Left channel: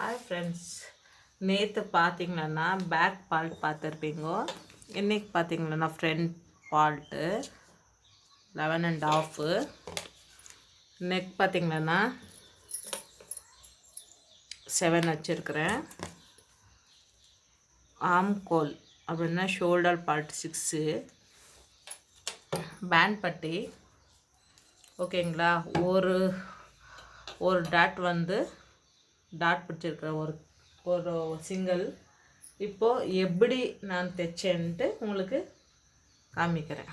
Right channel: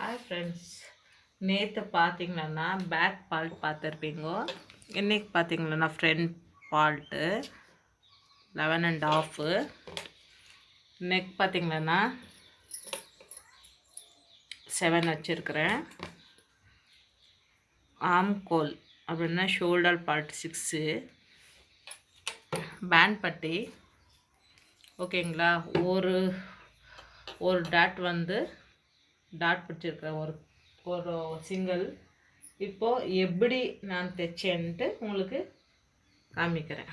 Hi friends, நேற்று பார்த்தீங்கன்னா back fault பார்த்துருப்பீங்கோ. இன்றைக்கி பார்த்தீங்கன்னா ஃப்ரண்ட் பால்ட்டு 11.5. நெக் பார்த்தீங்கன்னா 7 வச்சுருக்கிறேன். ஆம்கோல் அப்படின்னா ஷோல்டர் பார்ட் 6. பேண்ட் பட்டி ஓகேங்களா. ஒரு டாட் டாட் பிடிச்சிருக்கிறேன், ஒரு சிங்கிள். இப்போது எப்படி நான் தைச்சேன்ட்டு உங்களுக்கு காமிக்கிறேன்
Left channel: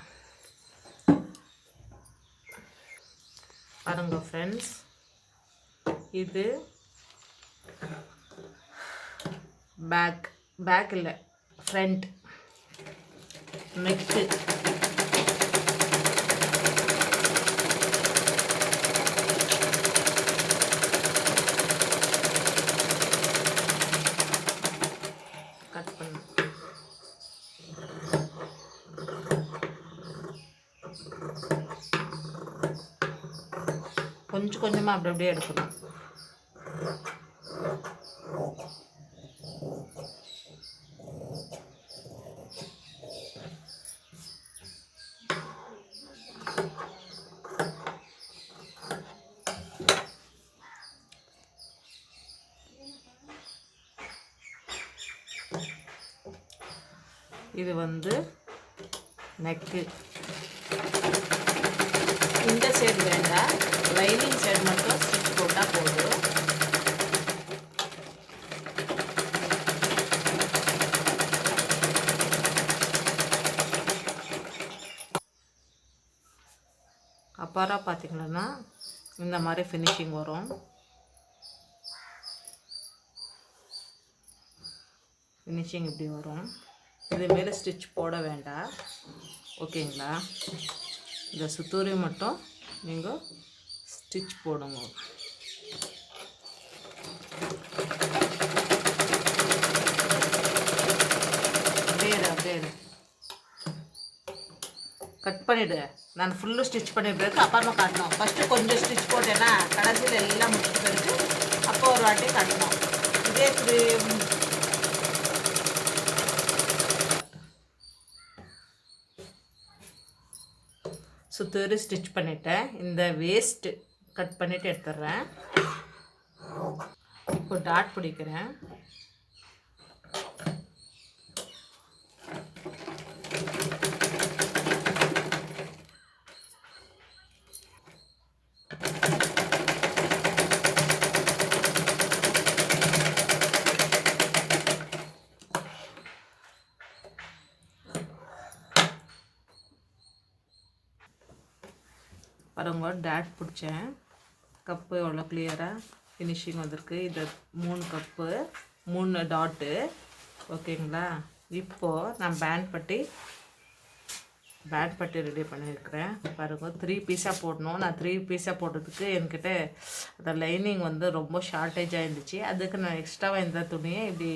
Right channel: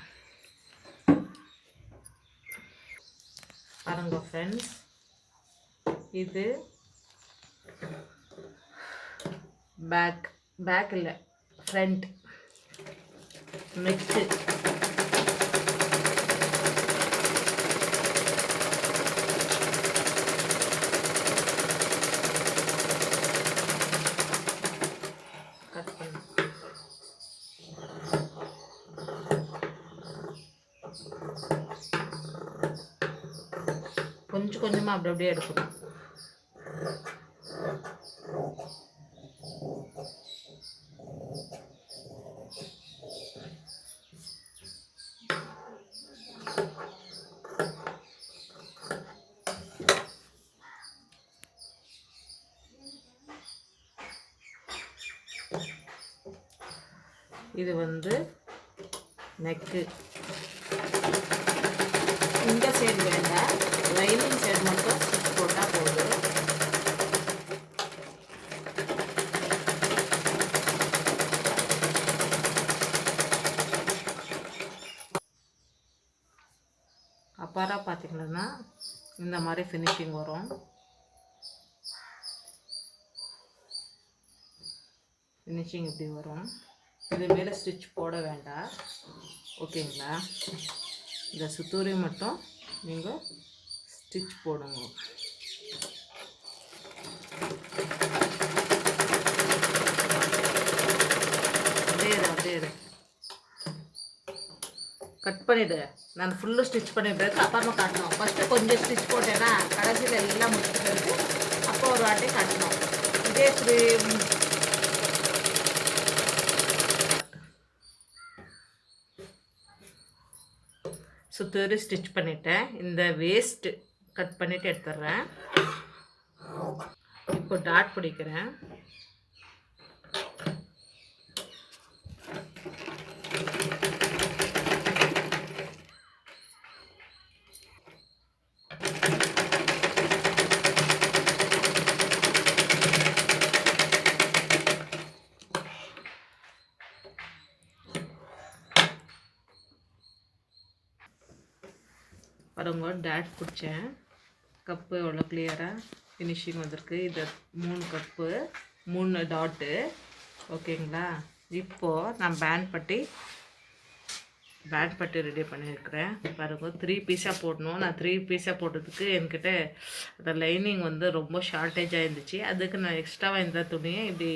பாருங்க ஃப்ரெண்ட்ஸ். இது பேக் இல்லை, ஃப்ரண்ட் நெக்கு. கொஞ்சம் கொஞ்சமாக அப்படி அப்படியே எடுக்கணும். இது நெக்கு. இந்த சைடு வேண்டாம், லைனிங் சைடு மட்டும் ஸ்டிச் போட்டால் போதும். அப்புறம் பார்த்திங்கன்னா இந்த மாதிரி ஃபினிஷிங் வரும். ஃபினிஷிங் இப்படி வரும். இது மேலே ஸ்டிச் போட வேண்டாம், ஓகேங்களா. இந்த சுத்தூரி மட்டும் நீங்கள் ஸ்டிச் போடுங்க. அப்படியே கட் பண்ணிவிடு. நான் ஃபுல்லு ஸ்டிச் பண்ணிவிட்டு அப்புறமா காட்டணும். ஃபஸ்ட்டு கொஞ்சம் ஸ்டிச் போட்டேன்னா கடைசியில் எல்லாம் முடிச்சு பிறகு அப்போ ஒரு வாட்டி காட்டணும். இதே சுத்தூரி ஸ்டிச் பண்ணிவிட்டேன். இந்த வேஸ்ட்டு கட் பண்ணிவிட்டு எடுத்துடுறேன். இப்போ டாட் பிடிக்கிறேன். பாருங்க, டாட் பிடிச்சேன். கப்பு எவ்வளோ கிளியராக ஃபினிஷிங் வந்திருக்கு. இது 3 கப்பு 3 டாட்டு, ஓகேங்களா. இப்போது நான் பேண்ட் பட்டி ரெடி பண்ணியிருக்கிறேன். பாருங்க, 3 பீஸாக போடணும். நான் 3 பீஸாக போட்டதுக்கு என்கிட்ட அந்த லைனிங் ரொம்ப ஷார்ட்டேஜாக இருந்துச்சு. அதுக்கு நான் எக்ஸ்ட்ராவாக இந்த துணியை இப்படி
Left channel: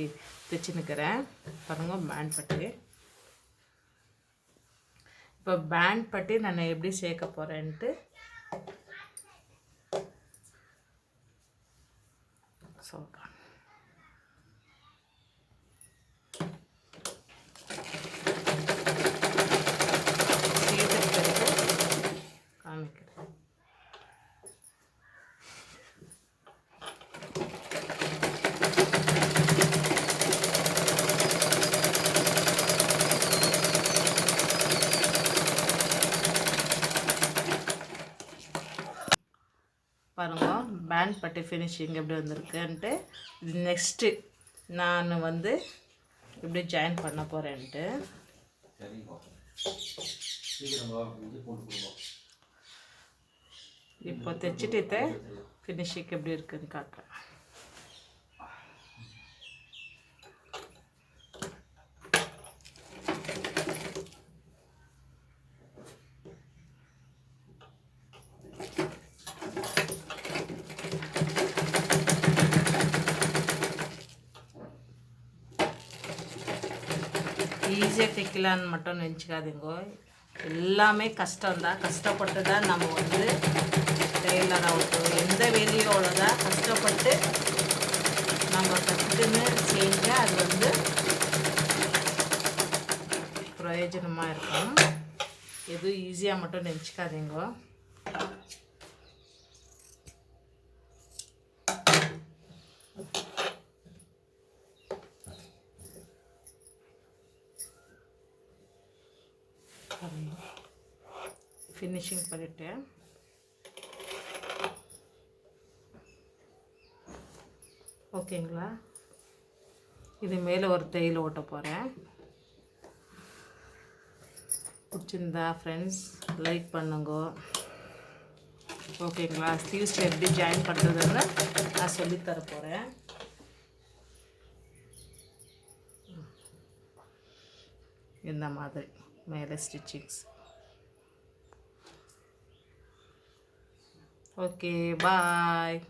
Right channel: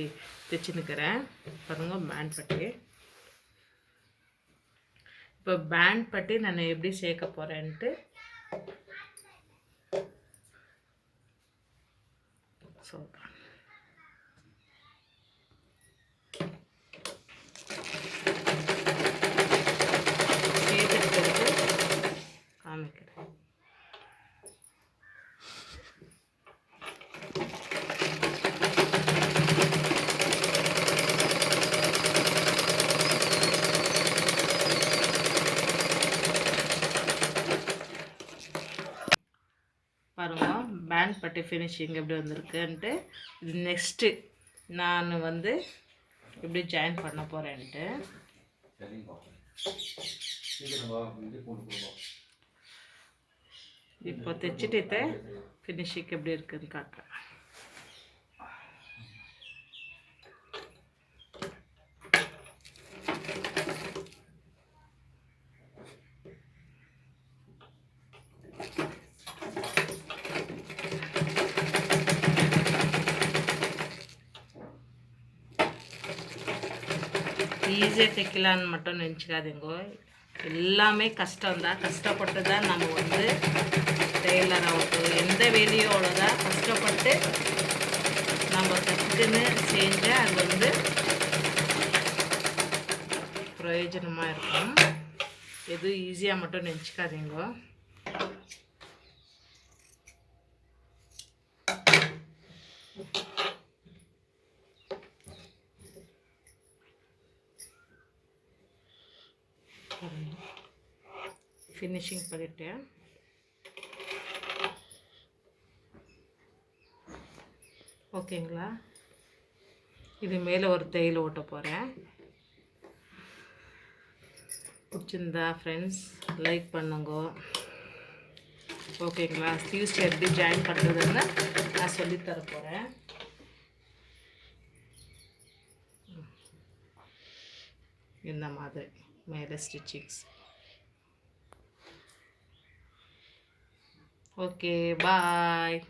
தைச்சி நிற்கிறேன். பாருங்க, பேண்ட் பட்டி. இப்போ பேண்ட் பட்டி நான் எப்படி சேர்க்க போகிறேன்ட்டு சொல்கிறேன். சேர்த்துட்டு காமிக்கிறேன். பாருங்க, பேண்ட் பட்டி ஃபினிஷிங் எப்படி வந்திருக்குன்ட்டு. இது நெக்ஸ்ட்டு நான் இப்படி ஜாயின் பண்ண போகிறேன்ட்டு. இப்போ தைச்சிட்டு ஃபினிஷிங் எப்படி இருக்குன்னு காட்டுறேன். ஈஸியாக தைக்கலான்னு மட்டும் நினச்சிக்காதீங்கோ. எல்லாமே கஷ்டம்தான். கஷ்டப்பட்டு தான் நம்ம டெய்லர் ஆகட்டும் எந்த வேலையோட தான் கஷ்டப்பட்டு நம்ம கற்றுக்குன்னு செஞ்சால் அது வந்து பிரயோஜனமாக இருக்கும். எதுவும் ஈஸியாக மட்டும் நினச்சிக்காதீங்க. ஃபினிஷிங் பண்ணிட்டேன். ஓகேங்களா? இது மேலே ஒரு தையல் ஓட்ட போகிறேன். பிடிச்சிருந்தா ஃப்ரெண்ட்ஸ் லைக் பண்ணுங்க. ஓகேங்களா? ஸ்லீவ்ஸ் எப்படி ஜாயின் பண்ணுறதுன்னு நான் சொல்லித்தர போகிறேன். இந்த மாதிரி மேலே ஸ்டிச்சிங்ஸ். ஓகே, பாய்.